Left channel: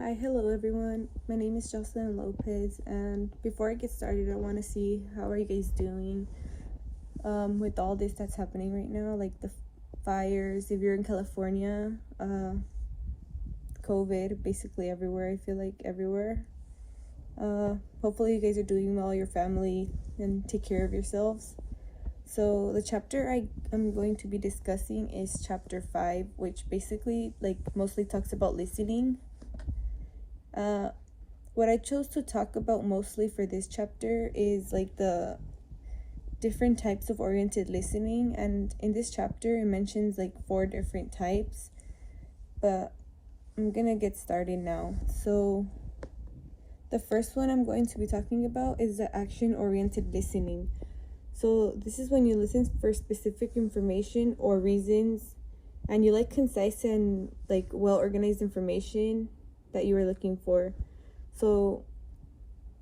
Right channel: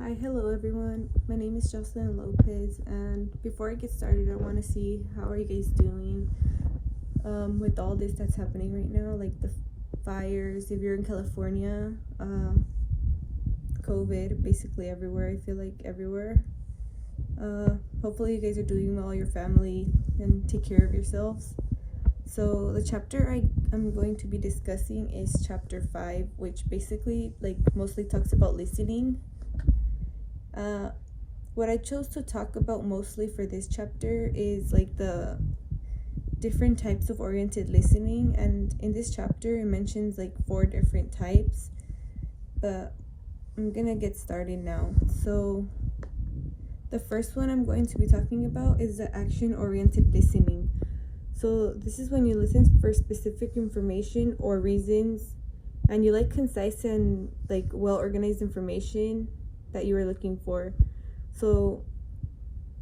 Hi, hello everyone. My name is Jocelyn Lopez, and before I get started, I want to see how are you guys doing with all this that's happening right now, like the fires. If you're in California, COVID basically everywhere. I feel like everywhere. Hopefully, you guys are doing well, your family, and take care of yourselves. So the chapter I'm going to be discussing is chapter 5, which basically mostly talks about listening. What I chose to talk about mostly for this chapter is the different types of oriented listening, and in this chapter it mentions 4 different types, but I'm gonna get started now. So the first one I'm going to be talking about is the action oriented listening. So this is when you listen for specific information or reasons, and you like concise and well organized information that you were looking for. So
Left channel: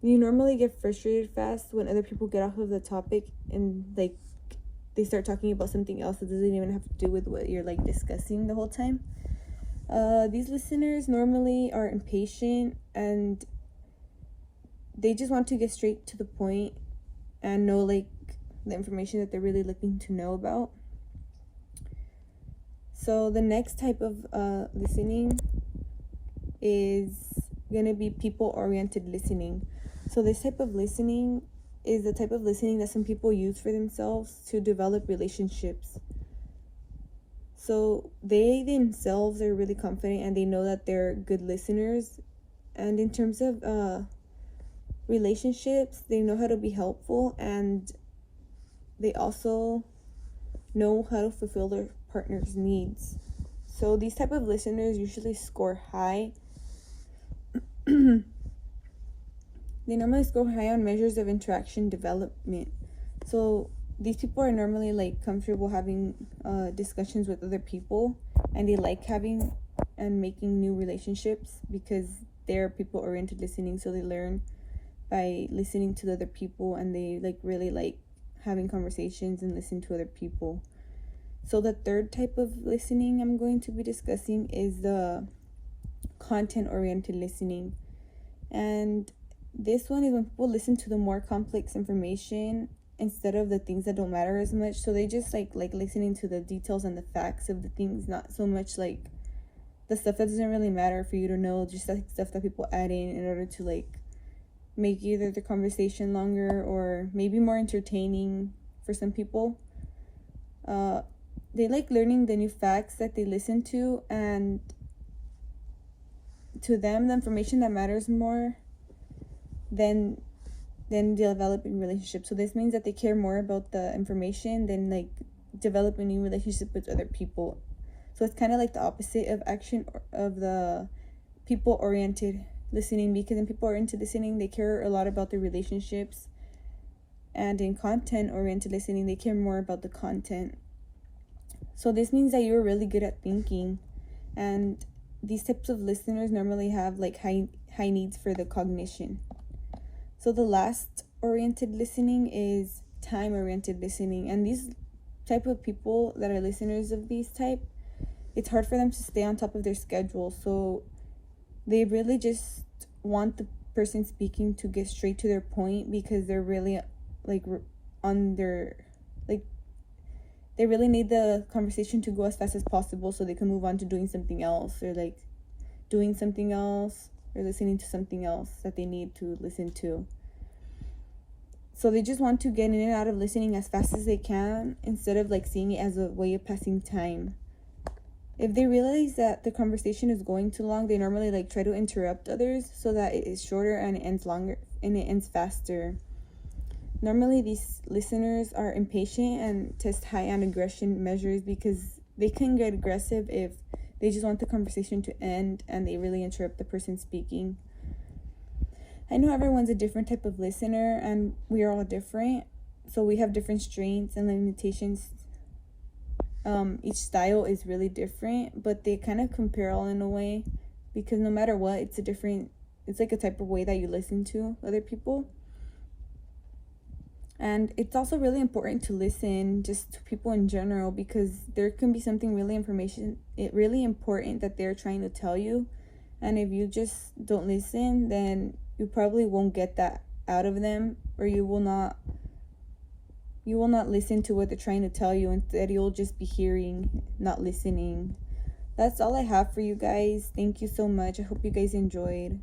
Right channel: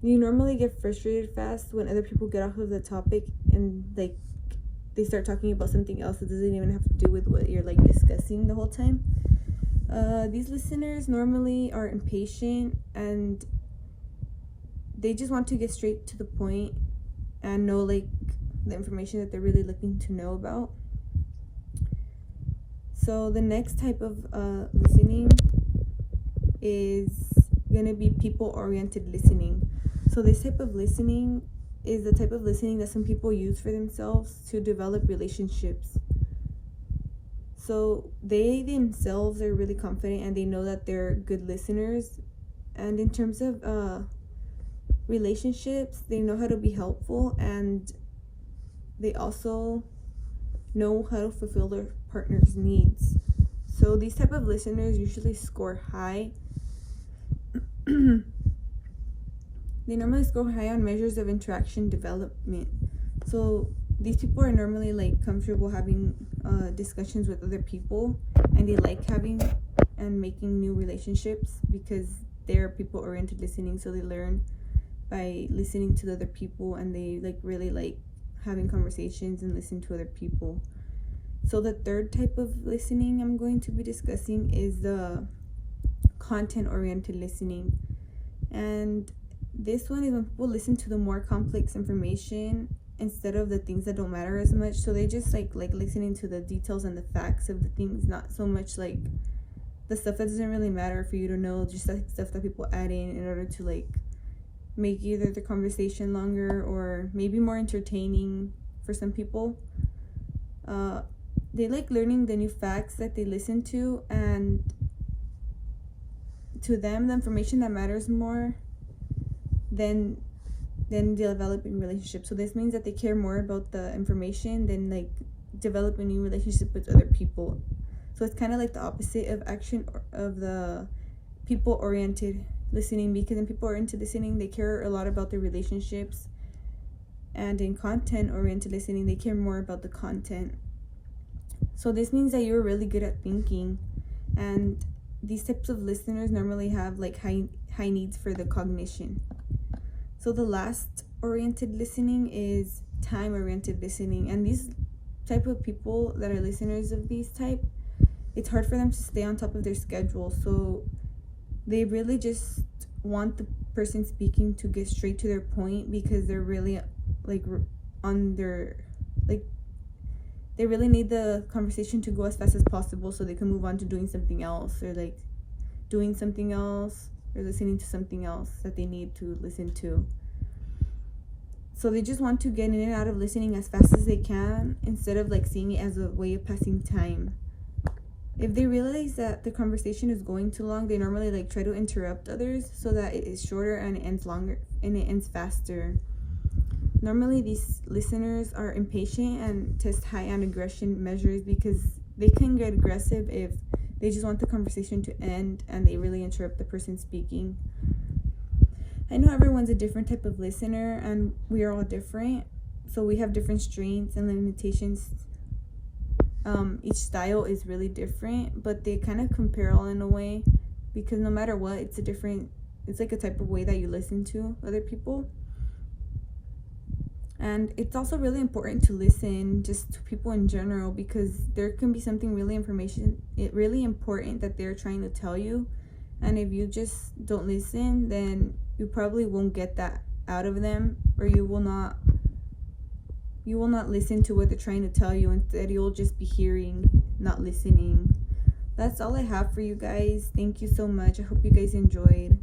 you normally get frustrated fast when other people get off of the topic and they start talking about something else that doesn't even have to do with what you're discussing the whole time. These listeners normally are impatient and they just want to get straight to the point and know the information that they're really looking to know about. So the next type of listening is gonna be people-oriented listening. So this type of listening is the type of listening that some people use for themselves to develop relationships. So they themselves are really confident and they know that they're good listeners. And in terms of relationships, they know how to be helpful, and they also know how to fulfill their partner's needs. So these type of listeners usually score high. They normally score high on measures of interaction development. So these people are normally comfortable having discussions with other people, and they like having and making new relationships because they're people-oriented listening. So they learn by listening to the other people, and they really like having conversations and listen to other people. So the third type of listening I'm going to be discussing is the content-oriented listening. And this one is when people listen to the more complex information instead of the things that don't matter as much. So they just like listening to the details and the facts of the things, not so much the stuff that doesn't really matter for you to know, just stuff that people add in order to make either the conversation longer or maybe more entertaining for some people. They like learning the new facts that they listen to, and to them the information that matters more than developing relationships. So this means that they care more about the information than developing new relationships with other people. So it's kind of the opposite of the people-oriented listening, because in people-oriented listening they care a lot about their relationships, and in content-oriented listening they care more about the content. So this means that you're really good at thinking, and these types of listeners normally have high needs for the cognition. So the last oriented listening is time-oriented listening, and these type of people that are listeners of these type, it's hard for them to stay on top of their schedule. So they really just want the person speaking to get straight to their point, because they're really on their they really need the conversation to go as fast as possible so they can move on to doing something else, or doing something else, or listening to something else that they need to listen to. So they just want to get in and out of listening as fast as they can, instead of seeing it as a way of passing time. If they realize that the conversation is going too long, they normally try to interrupt others so that it is shorter and it ends longer and it ends faster. Normally these listeners are impatient and test high on aggression measures, because they can get aggressive if they just want the conversation to end and they really interrupt the person speaking. I know everyone's a different type of listener, and we are all different, so we have different strengths and limitations. Each style is really different, but they kind of compare all in a way, because no matter what, it's a type of way that you listen to other people. And it's also really important to listen just to people in general, because there can be something really important that they're trying to tell you, And if you just don't listen, then you probably won't get that out of them, or you will not listen to what they're trying to tell you. Instead, you'll just be hearing, not listening. That's all I have for you guys. Thank you so much. I hope you guys enjoyed.